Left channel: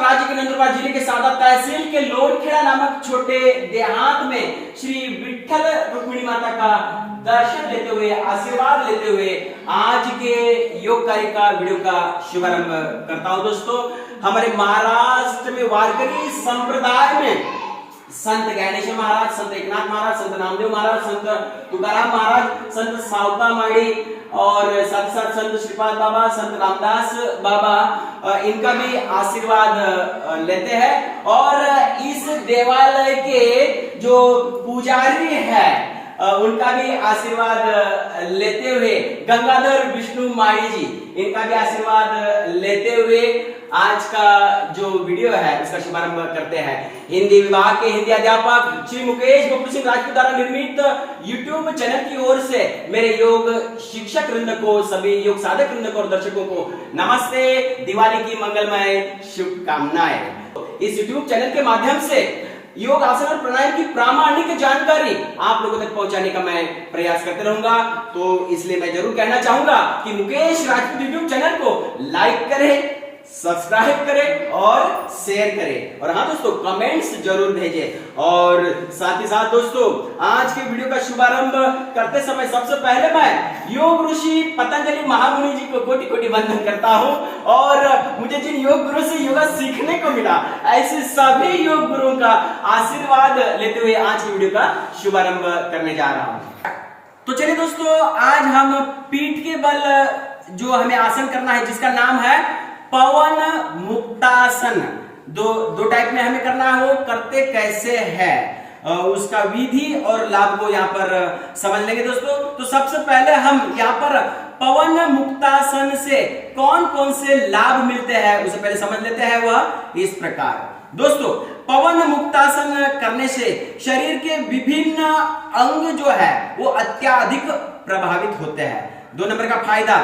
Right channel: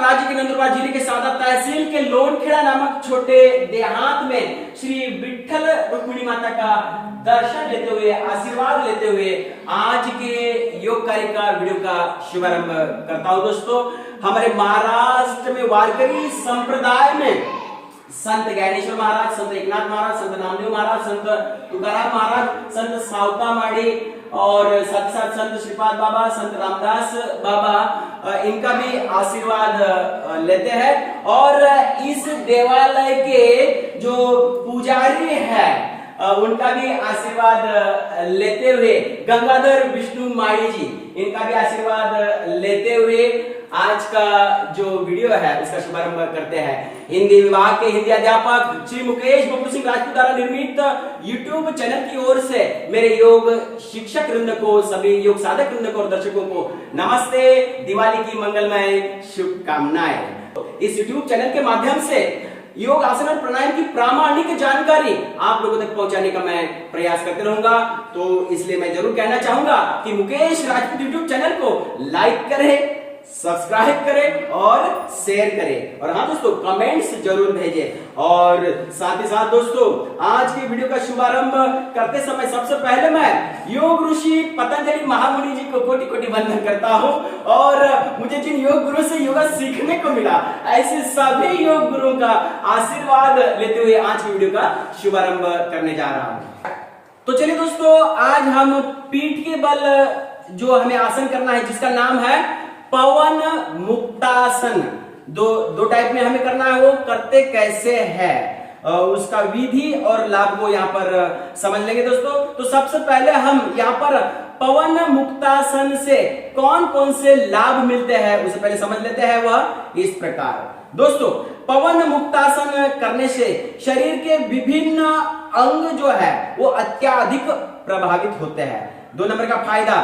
राज्य के नंदुरबार जिले के सादा तहसील के लोनखेड़ा नामक छोटे देहात में श्री विठ्ठल रुक्मिणी माता का दर्शन लेते हुए, आशीर्वाद लेते हुए आज के योग कार्य का वीडियो का शुभारंभ करता हूं। दोस्तों, हमारे महाराष्ट्र में वारकरी संप्रदाय में संत ज्ञानेश्वर महाराज, संत एकनाथ महाराज, संत नामदेव महाराज, संत तुकाराम महाराज, संत सावता माड़ी और साथ ही साथ संत श्रीपाद बाबा, संत रामदास बाबा, इनका भी आशीर्वाद लेते हैं। और इस देवालय के जो पुजारी है उनका भी आशीर्वाद लेते हुए, गंगाधर विष्णु माड़ी जी, इनका भी आशीर्वाद लेते हुए आज का जो वीडियो है उसका शुभारंभ करते हैं। हिंदी विभाग के हिंदी अध्यापक श्री मुकेश बब्बू सिंह राजपूत द्वारा निर्मित यूट्यूब चैनल की ओर से मेरे योग शिक्षक वृंद को, सभी योग साधक वृंद को और दर्शकों को नमस्ते, दिवाली की मंगलमय शुभकामनाएं। इस यूट्यूब चैनल के माध्यम से योग आसन और प्राणायाम की प्रामाणिक जानकारी आप लोगों तक पहुंचाने का मैं प्रयास करते रहूंगा। तो इसलिए मैं जरूर कहना चाहूंगा कि मुकेश राजपूत यूट्यूब चैनल को लाइक करें, सब्सक्राइब करें और शेयर करें, और हाँ दोस्तों, कमेंट्स जरूर भेजें। और साथ ही साथ दोस्तों, आज के वीडियो का शुभारंभ करते समय सबसे पहले मैं योग ऋषि पतंजलि महामुनि जी को कोटि कोटि वंदन करता हूं। और मुझे जिन योग गुरु से योगा सीखने को मिला, ऐसे सभी योग गुरुओं का आशीर्वाद लेते हुए आज की वीडियो का शुभारंभ करने जा रहा हूं। तो चलिए दोस्तों, आज हम पीठ के बल जो हमें आसन करना है, जिसका नाम है पवन मुक्तासन। दो टाइप में हमें करना है। वो करते कैसे है, उसका विधि और लाभ को यहाँ पर समझ लेंगे दोस्तों। तो सबसे पहले हम यहाँ पर पवन मुक्तासन से कौन कौन से लाभ मिलते हैं उसे पहले समझ लेते हैं। वह इस प्रकार दोस्तों, पवन मुक्तासन करने से शरीर के विभिन्न अंग जो है वो अत्याधिक प्रभावित होते हैं। 2 नंबर का फायदा,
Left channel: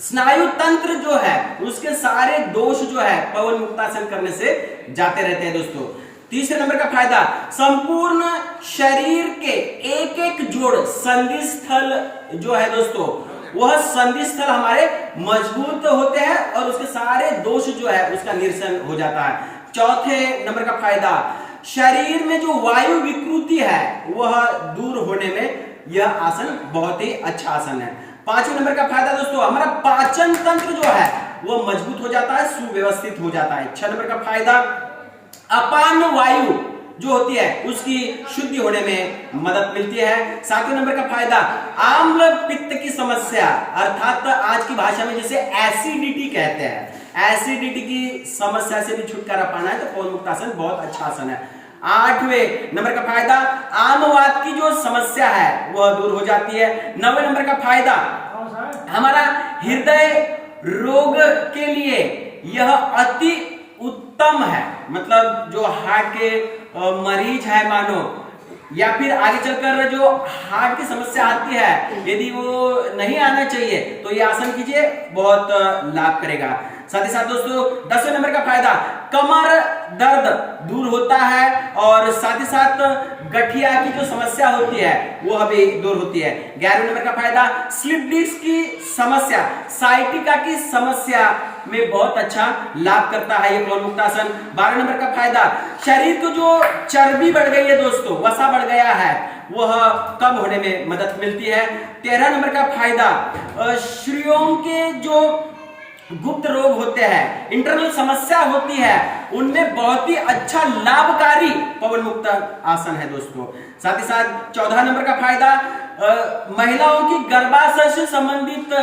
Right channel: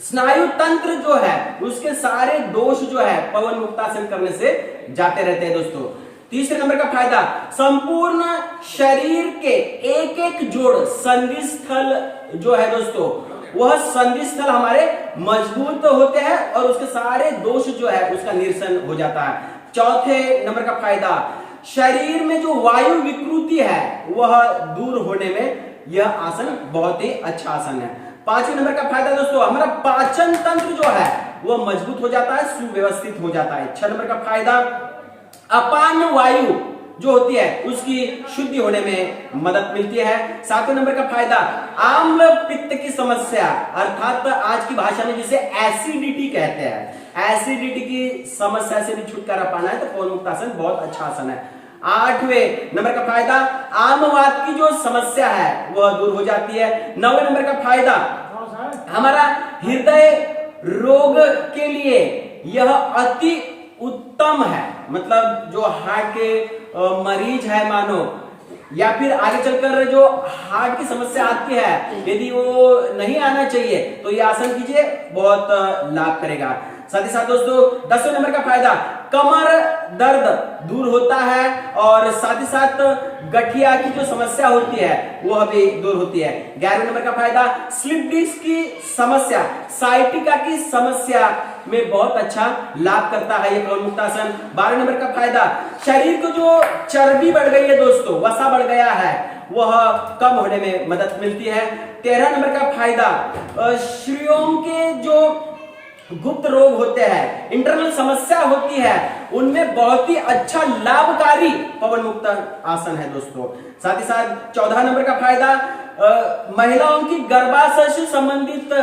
स्नायु तंत्र जो है उसके सारे दोष जो है पवन मुक्तासन करने से जाते रहते हैं दोस्तों। 3 नंबर का फायदा, संपूर्ण शरीर के एक एक जोड़ संधि स्थल जो है दोस्तों, वह संधि स्थल हमारे मजबूत होते हैं और उसके सारे दोष जो है उसका निरसन हो जाता है। 4 नंबर का फायदा, शरीर में जो वायु विकृति है वह दूर होने में यह आसन बहुत ही अच्छा आसन है। 5 नंबर का फायदा दोस्तों, हमारा पाचन तंत्र जो है वो मजबूत हो जाता है, सुव्यवस्थित हो जाता है। 6 नंबर का फायदा, अपान वायु जो होती है उसकी शुद्धि होने में मदद मिलती है। 7 नंबर का फायदा, आम्ल पित्त की समस्या, अर्थात आज की भाषा में जिसे एसिडिटी कहते हैं, एसिडिटी की समस्या से भी छुटकारा पाना है तो पवन मुक्तासन बहुत अच्छा आसन है। 8वें नंबर का फायदा, आमवात की जो समस्या है वह दूर हो जाती है। 9वें नंबर का फायदा, हमारा हृदय रोग के लिए यह अति उत्तम है। मतलब जो हार्ट के मरीज है मानो, या फिर आगे चलकर जो हार्ट की समस्या आती है, यदि वो नहीं आना चाहिए तो ये आसन कीजिए, बहुत लाभ करेगा। साथ ही साथ दोस्तों, 10वें नंबर का फायदा, कमर दर्द दूर होता है और साथ ही साथ गठिया की जो समस्या होती है वो भी दूर होती है। 11वें नंबर का फायदा, स्लिप डिस्क की समस्या, साइटिका की समस्या में बहुत अच्छा लाभ करता है ये पवन मुक्तासन। 12 नंबर का फायदा, शरीर को जो चर्बी बढ़ गई है दोस्तों, वसा बढ़ गया है, वह कम होने में मदद मिलती है। 13 नंबर का फायदा, श्रियों के जो गुप्त रोग होते हैं, इंटरनल समस्या होती है, उनमें बहुत ही अच्छा लाभकारी पवन मुक्त आसन है दोस्तों। साथ ही साथ 14 नंबर का फायदा, महिलाओं की गर्भाशय से संबंधित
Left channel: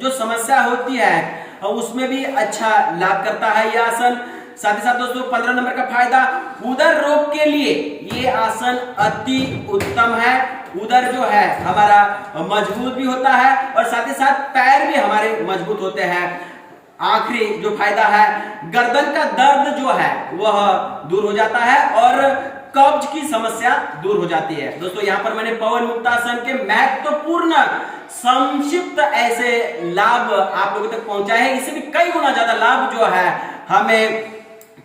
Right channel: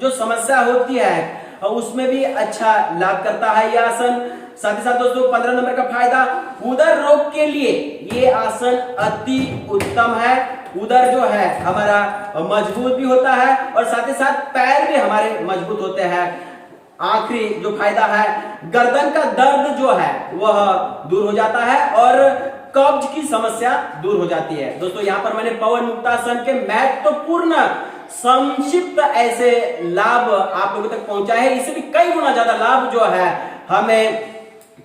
जो समस्या होती है उसमें भी अच्छा लाभ करता है यह आसन। साथ ही साथ दोस्तों, 15 नंबर का फायदा, उदर रोग के लिए ये आसन अति उत्तम है। उदर जो है हमारा मजबूत भी होता है और साथ ही साथ पैर भी हमारे मजबूत होते हैं। आखिरी जो फायदा है, गर्दन का दर्द जो है वह दूर हो जाता है और कब्ज की समस्या दूर हो जाती है। दोस्तों, यहाँ पर मैंने पवन मुक्तासन के महत्वपूर्ण संक्षिप्त ऐसे लाभ आप लोगों तक पहुंचाए हैं। इससे भी कई गुना ज्यादा लाभ जो है हमें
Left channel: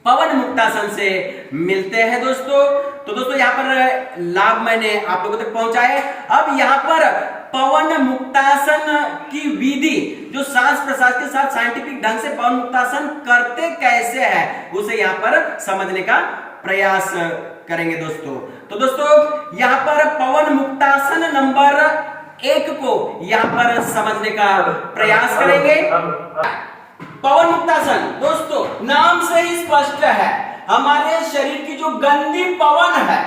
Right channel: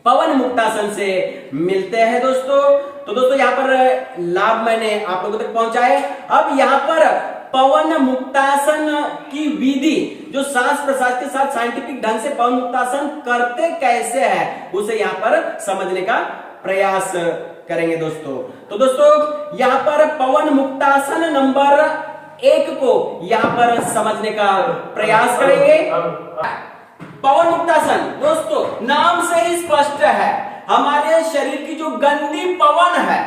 पवन मुक्तासन से मिलते हैं दोस्तों। तो दोस्तों, यहाँ पर लाभ मैंने आप लोगों तक पहुंचाए। अब यहाँ पर पवन मुक्तासन की विधि, जो सांस प्रश्वास के साथ साइंटिफिक ढंग से पवन मुक्तासन करते कैसे है, उसे यहाँ पर समझने का प्रयास करेंगे दोस्तों। तो दोस्तों यहाँ पर पवन मुक्तासन नंबर 1 को यहाँ पर समझने का प्रयास करेंगे। पवन मुक्तासन दोस्तों नाम से ही स्पष्ट है, हमारे शरीर की जो गंदी पवन है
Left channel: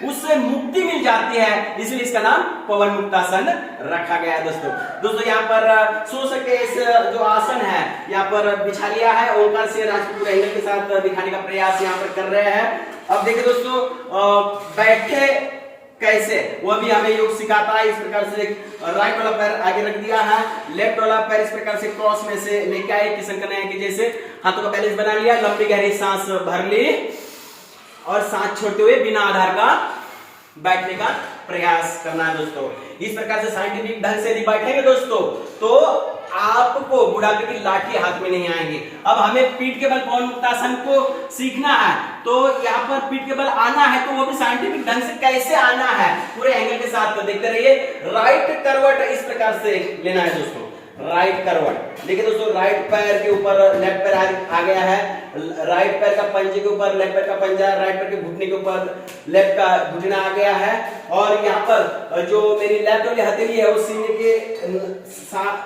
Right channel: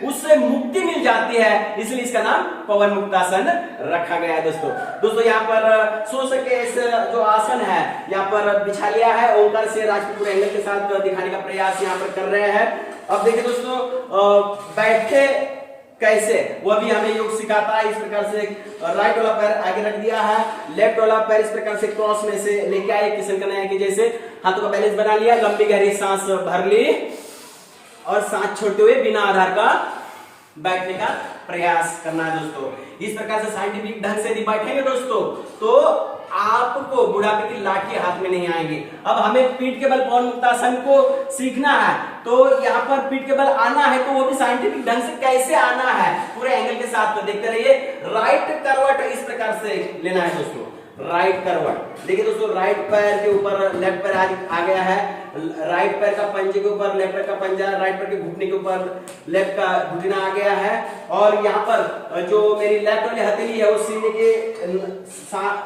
उससे मुक्ति मिल जाती है, इसलिए इसका नाम पवन मुक्तासन रखा गया है दोस्तों। यहाँ पर सो सके इस जो आसन है यहाँ पर बिछा लिया है, ओंकार से राजपूत एंगल के साथ दिखाने का प्रयास यहाँ पर कर रहे हैं। अब देखिए दोस्तों बैठे कैसे, वह भी हमें योग सिखाता है। इस प्रकार से राइट वाला पैर आगे रख दिया है, लेफ्ट वाला पैर इस प्रकार से क्रॉस में से लेके आए किशन कन्हैया की जैसे, हाथों का बैलेंस बना लिया, लंबी गहरी सांस भर ली और सांस छोड़ते हुए बिना आधार का बैठने का प्रयास करना है दोस्तों। इस प्रकार से साइंटिफिक ढंग से यदि बैठेंगे दोस्तों तो आपको बुढ़ापे की लाठी हाथ में नहीं आएगी। अब हमें पीठ के बल पवन मुक्तासन को सीखना है, तो यहाँ पर पीठ के बल आना है तो वो भी साइंटिफिक ढंग से कैसे आना है पूरे एंगल के साथ तो देखते रहिए। राइट करवट इस प्रकार से लेना है दोस्तों, राइट करवट। देखिए दोस्तों राइट पैर के ऊपर लेफ्ट पैर आ गया है, राइट पैर का पंजे के ऊपर लेफ्ट पैर का पंजा, राइट पैर के घुटने के ऊपर लेफ्ट का घुटना आ गया है, और यहाँ पर जो मेरी लेफ्ट वाली हथेली है वो सीने के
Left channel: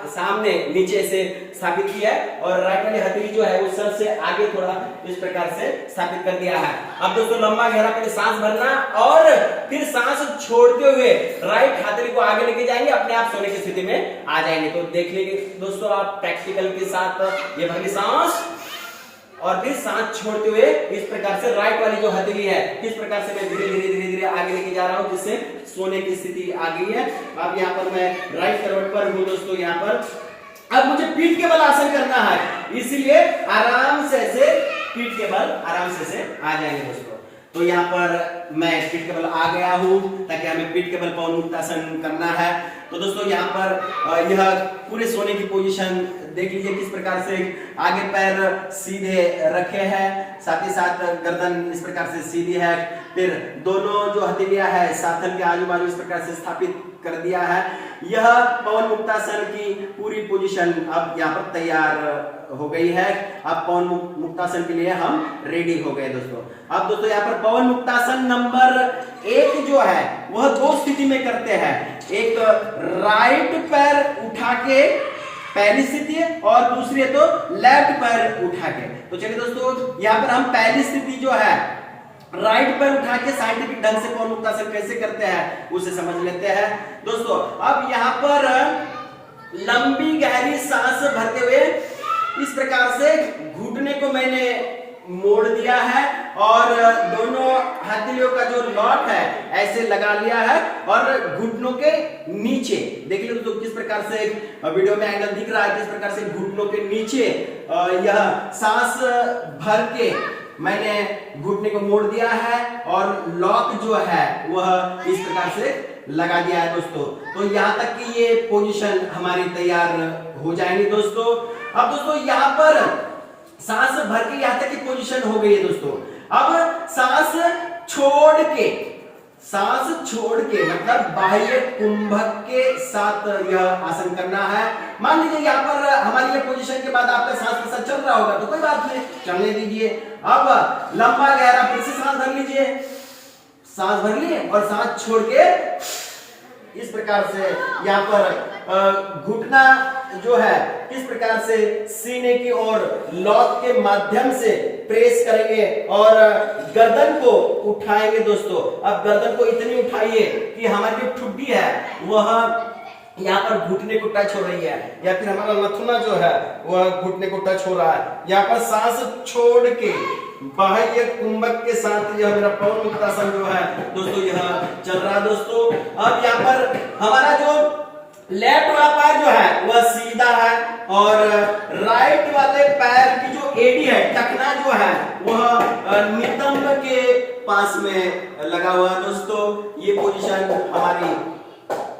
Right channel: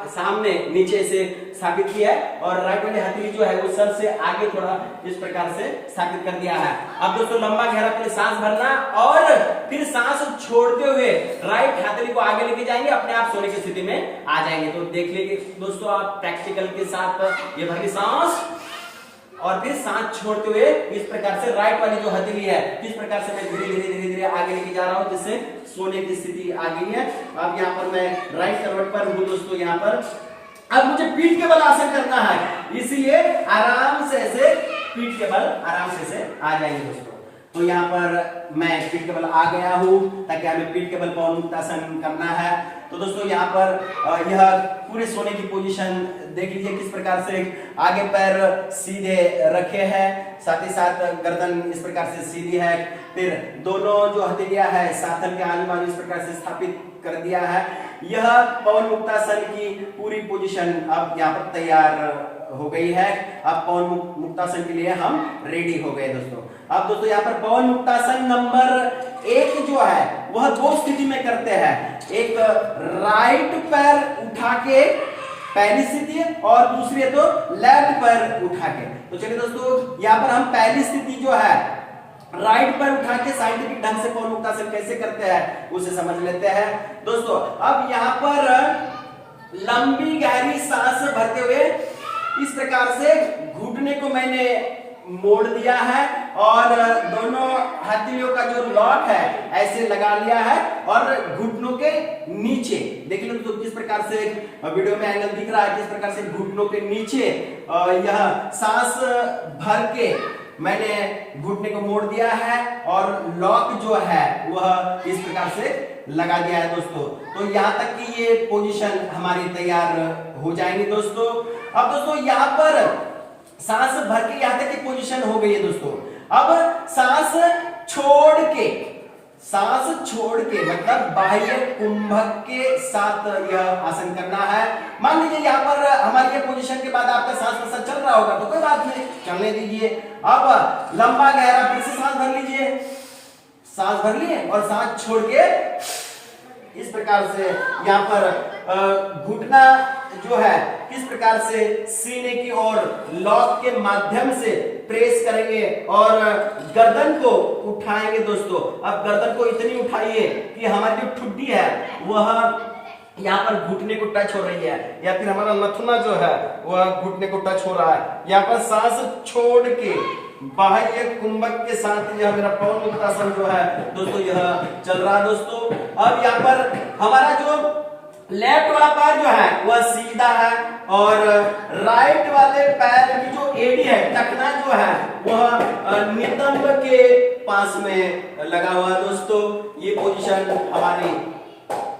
सामने नीचे से स्थापित की है, और राइट वाली हथेली जो है वो सर से आगे थोड़ा इस प्रकार से स्थापित कर दिया है। अब दोस्तों लंबा गहरा पहले सांस भरना और फिर सांस छोड़ते हुए राइट हथेली को आगे लेके जाएंगे, अपने आप सोने की स्थिति में आ जाएंगे। तो देख लीजिए दोस्तों आप प्रैक्टिकल के साथ ये भरी सांस और फिर सांस छोड़ते हुए इस प्रकार से राइट वाली जो हथेली है किस प्रकार से मैं धीरे धीरे धीरे धीरे आगे लेके जा रहा हूं जिससे सोने की स्थिति आ गई है। अब यहाँ पर मैं राइट करवट पर हूं दोस्तों। यहाँ पर अब मुझे पीठ के बल आसन करना है, इसलिए आराम से ऐसे पीठ के बल आराम से आ जाएंगे दोस्तों। तो यहाँ पर मैं पीठ के बल आ गया हूं ताकि हमें पीठ के बल पवन मुक्तासन करना है। तो दोस्तों यहाँ पर यह पूरे सोने की पोजीशन देख लीजिए किस प्रकार से आगे पैर सीधे रखे हैं, साथ ही साथ गर्दन इस प्रकार से सीधी है, फिर दोनों जो हथेलियां है साथन के आजू बाजू इस प्रकार से स्थापित कर दिया है। यह पवन मुक्तासन की पूरी पोजीशन अब यहाँ पर तैयार हो गई है। अब पवन मुक्तासन के लिए हम रेडी हो गए दोस्तों। अब दोस्तों यहाँ पर पवन मुक्तासन नंबर 1 जो है वह 2 स्थिति में करते हैं, एक राइट पैर उठा के पहली स्थिति है और दूसरी है तो लेफ्ट पैर उठा के। तो चलिए दोस्तों यहाँ पर हम पहली स्थिति जो है राइट पैर उठा के साइंटिफिक ढंग से पवन मुक्तासन कैसे करते हैं उसे समझ लेते हैं दोस्तों। अब यहाँ पर लंबी गहरी सांस भरते हुए इस प्रकार से घुटने को मैंने मोड़ दिया है और दोनों हथेलियों का जो लॉक है ऐसे लगा लिया है और घुटनों के नीचे देख लो तो किस प्रकार से वीडियो में एंगल दिख रहा है, किस प्रकार से घुटनों के नीचे यह सांस भर के मैंने घुटने को मोड़ दिया है और लॉक जो है वह इस प्रकार से लगा दिया है दोस्तों। तो यहाँ तक कि ये पोजीशन हमारी तैयार हो जाएंगी दोस्तों। अब दोस्तों यहाँ पर सांस भर के यहाँ तक की पोजीशन हो गई है दोस्तों। अब सांस छोड़ के मतलब बाह्य कुंभक के साथ यह आसन करना है। मान लीजिए यहाँ पर हमारी ये पोजीशन के बाद आपका सांस प्रश्वास चल रहा होगा तो कोई बात नहीं, चलने दीजिए। अब लंबा गहरा फिर से सांस भर लीजिए, सांस भर लिए और सांस छोड़ के इस प्रकार से यहाँ पर घुटना जो है किस प्रकार से सीने की ओर लॉक के माध्यम से प्रेस करेंगे और गर्दन को उठाएंगे दोस्तों। अब गर्दन को इतनी उठाइए कि हमारी जो ठुड्डी है वह यहाँ पर घुटने को टच हो रही है या फिर हमारा नथुना जो है वह घुटने को टच हो रहा है। यहाँ पर सांस छोड़ के बाह्य कुंभक के साथ यह मेरा पवन मुक्तासन जो है दोस्तों यह चल रहा है दोस्तों। अब यहाँ पर हमारा जो लेफ्ट वाला पैर जो है वह सीधा है और राइट वाले पैर की जो एड़ी है टखना जो है वह नितंब के पास में लगा हुआ है दोस्तों। ये पोजीशन हमारी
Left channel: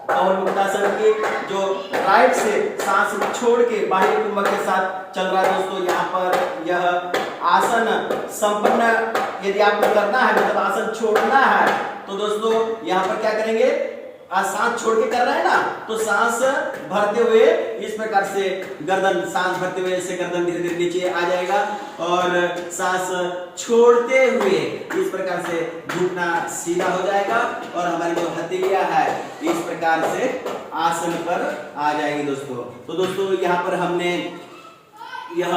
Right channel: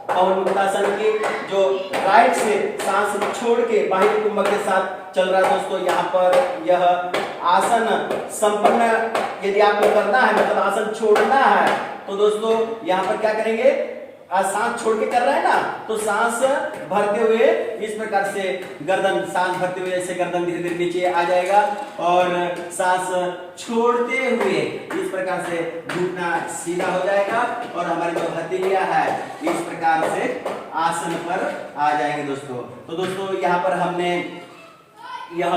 पवन मुक्तासन की जो राइट से सांस छोड़ के बाह्य कुंभक के साथ चल रहा है दोस्तों। यहाँ पर यह आसन संपन्न यदि आपको करना है मतलब आसन छोड़ना है तो दोस्तों यहाँ पर क्या करेंगे, आज सांस छोड़ के कर रहे हैं ना, तो सांस भरते हुए इस प्रकार से गर्दन, सांस भरते हुए ऐसे गर्दन धीरे धीरे नीचे आ जाएगा और सांस छोड़ते हुए इस प्रकार से घुटना सीधा हो जाएगा और हमारी जो हथेलियां है इस प्रकार से आसन पर आ जाएंगे दोस्तों। तो दोस्तों यहाँ पर हमने यह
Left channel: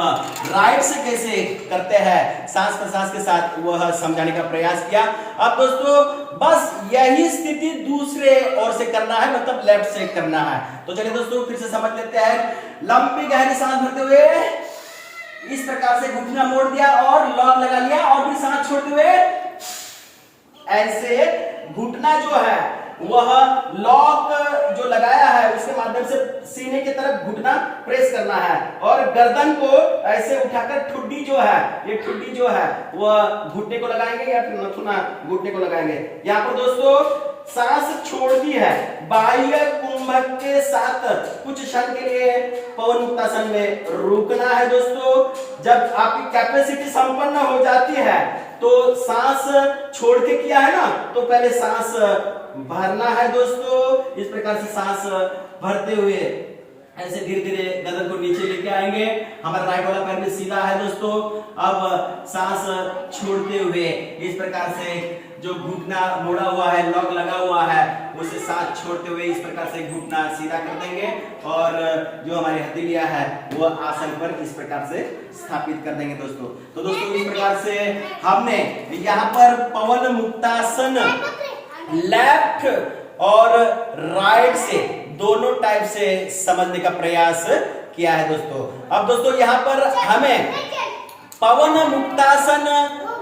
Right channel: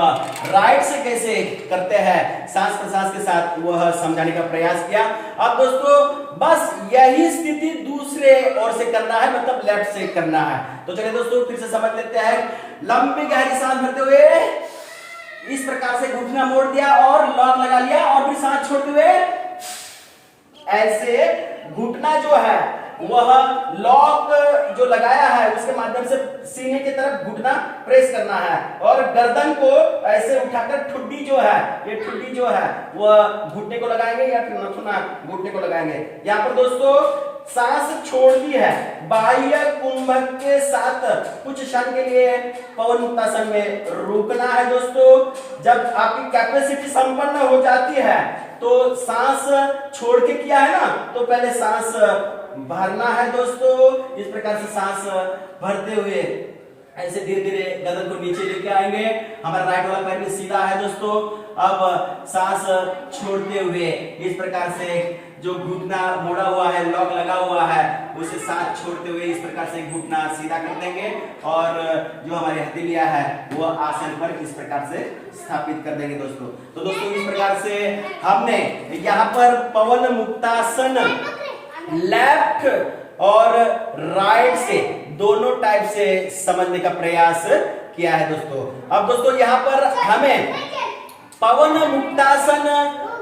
राइट से कैसे करते हैं सांस प्रश्वास के साथ वह समझाने का प्रयास किया। अब दोस्तों बस यही स्थिति दूसरे ओर से करना है, मतलब लेफ्ट से करना है। तो चलिए दोस्तों फिर से समझ लेते हैं। लंबी गहरी सांस भरते हुए इस प्रकार से घुटना मोड़ दिया और लॉक लगा लिया और फिर सांस छोड़ते हुए ऐसे घुटना जो है वह लॉक जो लगाया है उसके माध्यम से सीने की तरफ घुटना प्रेस करना है और गर्दन को ऐसे उठाकर ठुड्डी जो है, ये ठुड्डी जो है वह घुटने को लगाएंगे या फिर नथुना घुटने को लगाएंगे। यहाँ पर दोस्तों सांस छोड़ दी है, बाह्य कुंभक के साथ कुछ क्षण के लिए पवन मुक्तासन में रुकना है दोस्तों। जब आपकी कैपेसिटी संपन्न हो जाती है तो सांस छोड़ के किया है ना, तो पहले सांस भरना है दोस्तों। इस प्रकार से सांस भरते हुए ऐसे धीरे धीरे गर्दन को नीचे लेके आएंगे। हमारा राइट वाला पैर भी सीधा है दोस्तों। अब सांस छोड़ते हुए इस प्रकार से जो घुटना मोड़ा हुआ है, लॉक लगा हुआ है, उसे सांस छोड़ते हुए इस प्रकार से घुटना सीधा कर देंगे और जो हमारी हथेलियां है वो आसन पर इस प्रकार से स्थापित कर देंगे दोस्तों। तो दोस्तों इस प्रकार से हमने यहाँ पर पवन मुक्तासन लेफ्ट और राइट से दोनों टाइप से समझने का प्रयास किया है दोस्तों। अब दोस्तों यहाँ पर हमें पवन मुक्तासन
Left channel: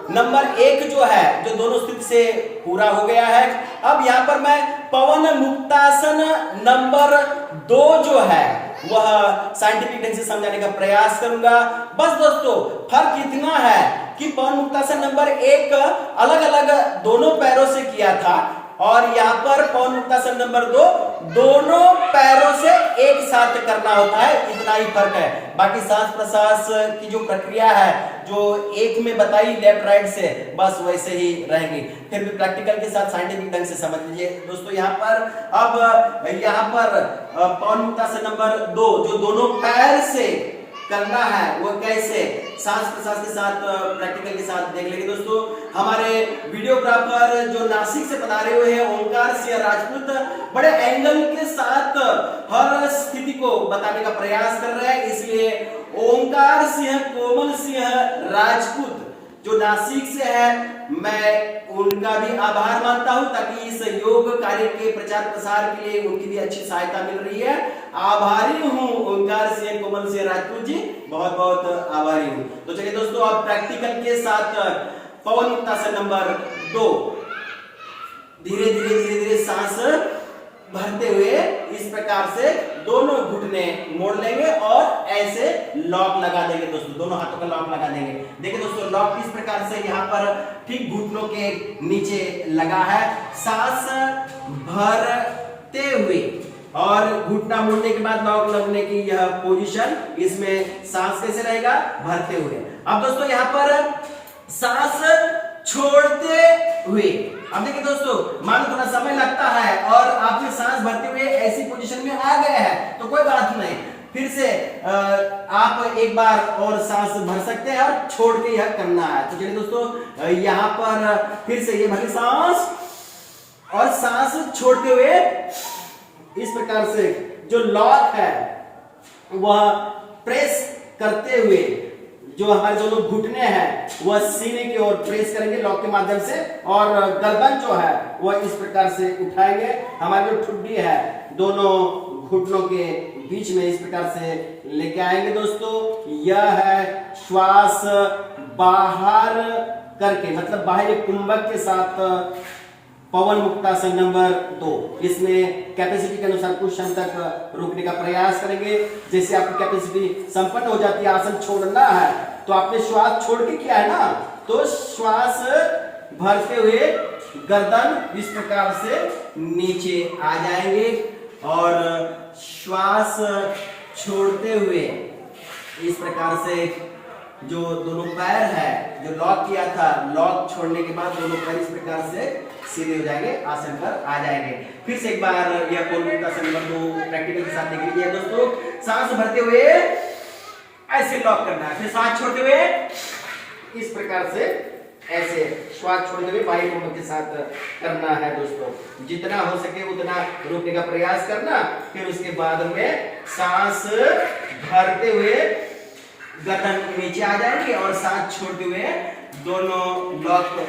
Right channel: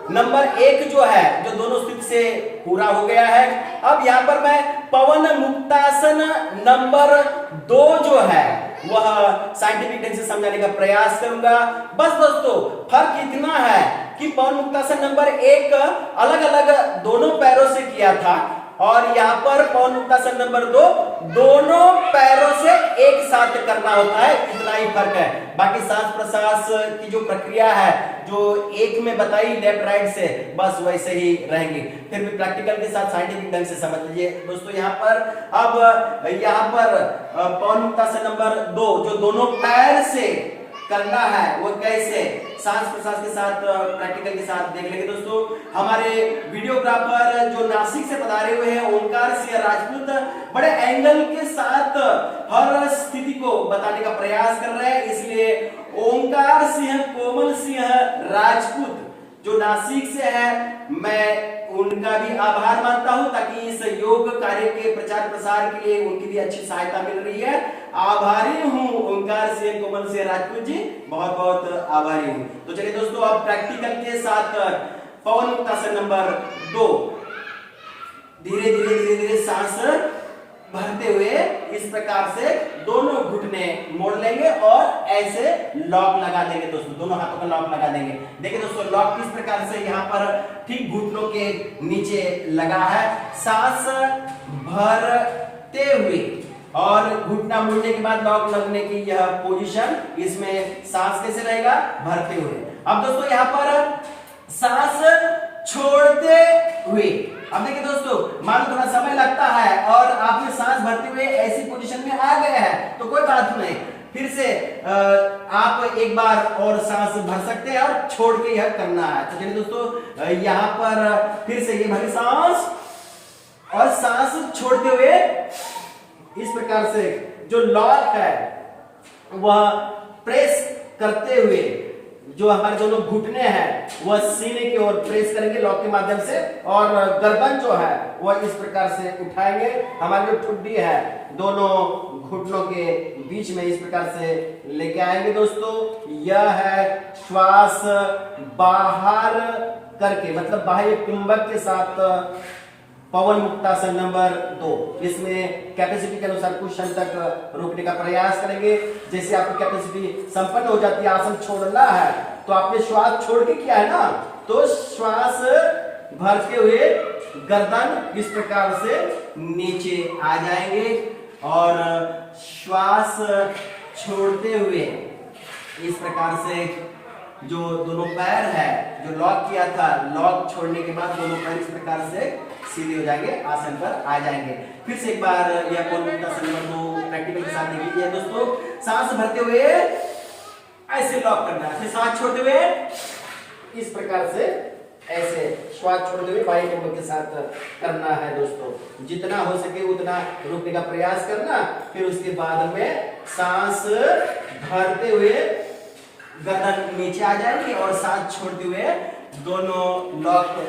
नंबर 1 जो है, जो दोनों स्थिति से पूरा हो गया है। अब यहाँ पर मैं पवन मुक्तासन नंबर 2 जो है वह साइंटिफिक ढंग से समझाने का प्रयास करूंगा। बस दोस्तों फर्क इतना है कि पवन मुक्तासन नंबर 1 अलग अलग दोनों पैरों से किया था और यहाँ पर पवन मुक्तासन नंबर 2 दोनों पैरों से एक साथ करना होता है, इतना ही फर्क है। बाकी सांस प्रश्वास की जो प्रक्रिया है जो एक में बताई लेफ्ट राइट से, बस वैसे ही रहेंगी। फिर भी प्रैक्टिकल के साथ साइंटिफिक ढंग से समझ लीजिए दोस्तों। यहाँ पर अब यहाँ पर पवन मुक्तासन नंबर 2 जो दोनों पैर से करना है वो कैसे, सांस प्रश्वास के साथ प्रैक्टिकल के साथ देख लेंगे दोस्तों। हमारे वीडियोग्राफर जो नासिक से पधारे हुए हैं ओंकार सिंह राजपूत बड़े एंगल के साथ हर स्थिति को बताने का प्रयास कर रहे हैं, इसलिए ओंकार सिंह कोमल सिंह राजपूत जो नासिक से है, मैं उनका भी आभार मानता हूं ताकि इस योग कार्य के प्रचार प्रसार के लिए उनकी भी अच्छी सहायता मिल रही है। आभारी हूं ओंकार सिंह कोमल सिंह राजपूत जी, बहुत बहुत आभारी हूं। तो चलिए दोस्तों अब प्रैक्टिकल के साथ पवन मुक्तासन नंबर 2 धीरे धीरे धीरे धीरे सांस भरते हुए इस प्रकार से दोनों घुटने मोड़ लेंगे और ऐसे लॉक लगा देंगे दोस्तों, दोनों हाथों का लॉक लगा देंगे। देखिए दोस्तों लॉक किस प्रकार से यहाँ पर ठीक घुटनों के नीचे लगा है। सांस भरते हुए और घुटना मोड़ने के बाद लॉक लगने की यह पोजीशन, इसमें सांस कैसे रहेगा, भरते हुए। अब दोस्तों यहाँ पर सांस छोड़ते हुए, अब देखिए दोस्तों मान लो थोड़ा समय लगता है और आपने सांस भरते हुए ऐसी पोजीशन में आ गए हैं तो कोई बात नहीं, फिर से आप एक बार और सांस भर सकते हैं और छोड़ के यह करना है। तो चलिए दोस्तों यहाँ पर फिर से ये भरी सांस और सांस छोड़ते हुए इस प्रकार से जो लॉक है वह प्रेस करते हुए जो हमारे दोनों घुटने हैं वह सीने की ओर प्रेस करेंगे लॉक के माध्यम से और गर्दन जो है वह इस प्रकार से उठाएंगे। हमारी जो ठुड्डी है दोनों घुटनों के बीच में इस प्रकार से लेके आएंगे दोस्तों। यह है श्वास बाहर करके, मतलब बाह्य कुंभक के साथ पवन मुक्तासन नंबर 2। इसमें कैपेसिटी के अनुसार कुछ क्षण तक रोकने का प्रयास करेंगे। जैसे आपकी कैपेसिटी संपन्न हो जाती है, आसन छोड़ना है तो आपने श्वास छोड़ के किया है ना, तो श्वास भरते हुए गर्दन इस प्रकार से नीचे आ जाएंगे और श्वास छोड़ते हुए इस प्रकार से जो दोनों पैर है जो लॉक किया था, लॉक छोड़ने के बाद दोनों पैर इस प्रकार से सीधे हो जाएंगे, आसन पर आ जाएंगे। फिर से एक बार यह मुक्तासन नंबर 2 प्रैक्टिकल के साथ देख लीजिए दोस्तों। सांस भरते हुए ऐसे लॉक करना है, फिर सांस छोड़ते हुए इस प्रकार से ऐसे श्वास छोड़ते हुए बाई कोमर के साथ करना है दोस्तों। जितना हो सके उतना रोकने का प्रयास करना। फिर उसके बाद में सांस भरते हुए गर्दन नीचे आ जाएगी और सांस छोड़ते हुए दोनों लॉक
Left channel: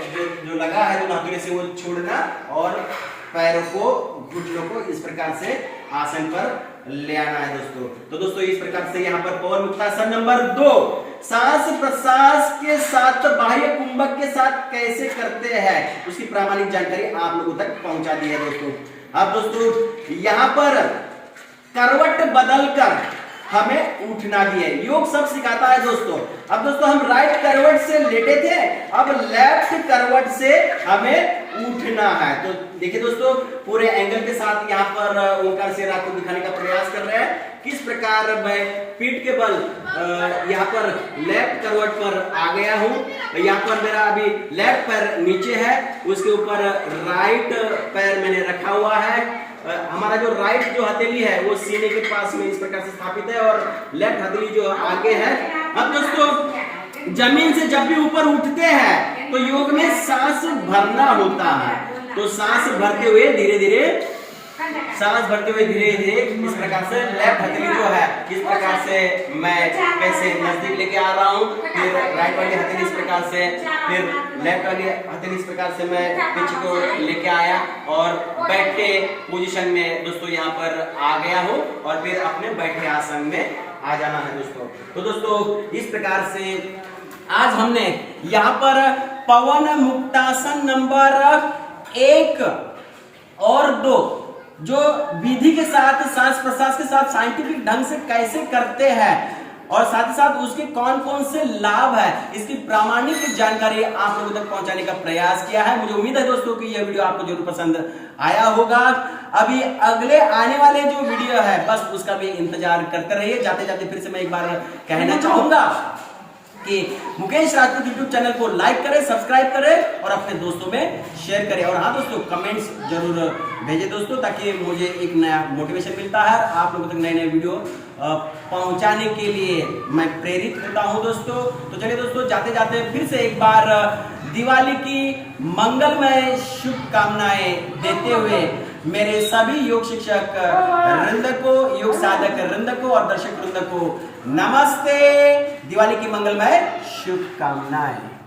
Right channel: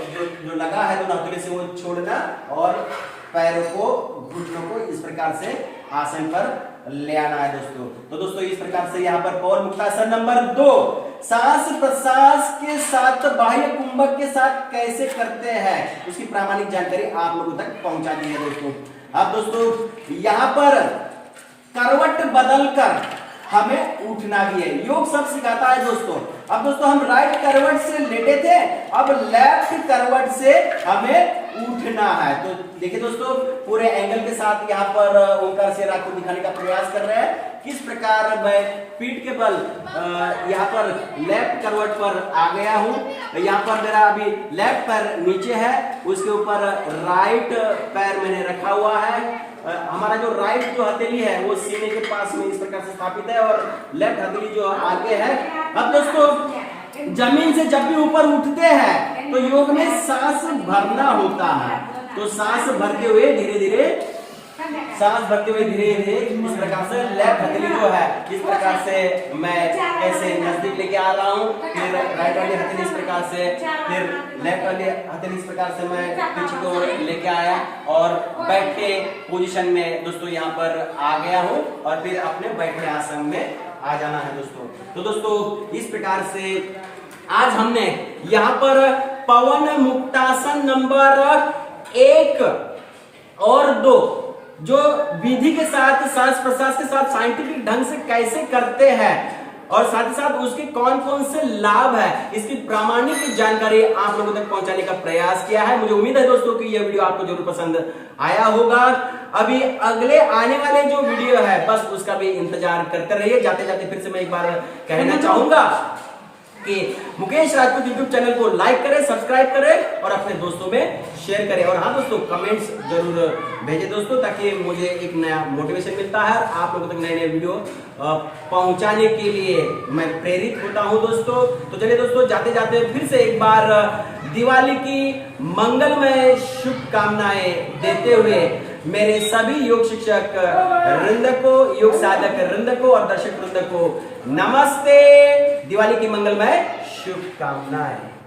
जो लगा है दोनों हथेली से वो छोड़ना और पैरों को घुटनों को इस प्रकार से आसन पर ले आना है दोस्तों। तो दोस्तों इस प्रकार से यहाँ पर पवन मुक्तासन नंबर 2 सांस प्रश्वास के साथ बाह्य कुंभक के साथ कैसे करते हैं उसकी प्रामाणिक जानकारी आप लोगों तक पहुंचा दी है दोस्तों। अब दोस्तों यहाँ पर करवट बदलकर हमें उठना भी है, योग सब सिखाता है दोस्तों। अब दोस्तों हम राइट करवट से लेटे थे, अब लेफ्ट करवट से हमें उठना है। तो देखिए दोस्तों पूरे एंगल के साथ यहाँ पर ओंकार से आपको दिखाने का प्रयास कर रहे हैं किस प्रकार मैं पीठ के बल यहाँ पर लेफ्ट करवट पर आ गया हूँ। यहाँ पर मेरा अभी लेफ्ट पैर नीचे है, उसके ऊपर राइट पैर मैंने रखा हुआ है। हमारा जो राइट जो हथेली है वो सीने के पास में इस प्रकार से स्थापित है और लेफ्ट हथेली जो आगे है। अब दोस्तों जमीन से जब भी ऊपर उठते हैं तो योग में सांस भरना होता है। तो सांस भरते हुए धीरे धीरे इस प्रकार से लेफ्ट हथेली जो है इस प्रकार से मैं कैसे नजदीक लेके आ रहा हूँ, फिर राइट वाली हथेली इस प्रकार से, फिर लेफ्ट वाली हथेली इस प्रकार से मैं पीछे को लेके आया और बैठे पोजीशन में दोस्तों यहाँ पर आ गया हूँ और फिर अपने बैठे आसन में आ जाना है दोस्तों। तो दोस्तों इस प्रकार से आज हमने यहाँ पर पवन मुक्तासन नंबर 1 और 2 जो विधि के साथ सांस प्रश्वास के साथ साइंटिफिक ढंग से कैसे करते हैं और साथ ही साथ उसके कौन कौन से लाभ है इसकी प्रामाणिक जानकारी आप लोगों तक पहुंचाने का प्रयास किया है। मुझे उम्मीद है दोस्तों कि यह वीडियो आपको जरूर पसंद आया होगा। अभी अगले आने वाले जो वीडियो है बस उसका भी इंतजार करते रहिए। जाते जाते फिर से मैं एक बार कहना चाहूंगा कि मुकेश राजपूत यूट्यूब चैनल को लाइक करें, सब्सक्राइब करें और अपने दोस्तों में शेयर करें। और हाँ दोस्तों कमेंट्स जरूर भेजें दोस्तों ताकि मुझे एक नया मोटिवेशन मिलता है, आप लोगों तक नए नए वीडियो पहुंचाने के लिए मैं प्रेरित होता हूं दोस्तों। तो चलिए दोस्तों जाते जाते फिर से एक बार दिवाली की मंगलमय शुभकामनाएं देते हुए मेरे सभी योग शिक्षक वृंद को, योग साधक वृंद को और दर्शक वृंद को नमस्ते, दिवाली की मंगलमय शुभकामनाएं।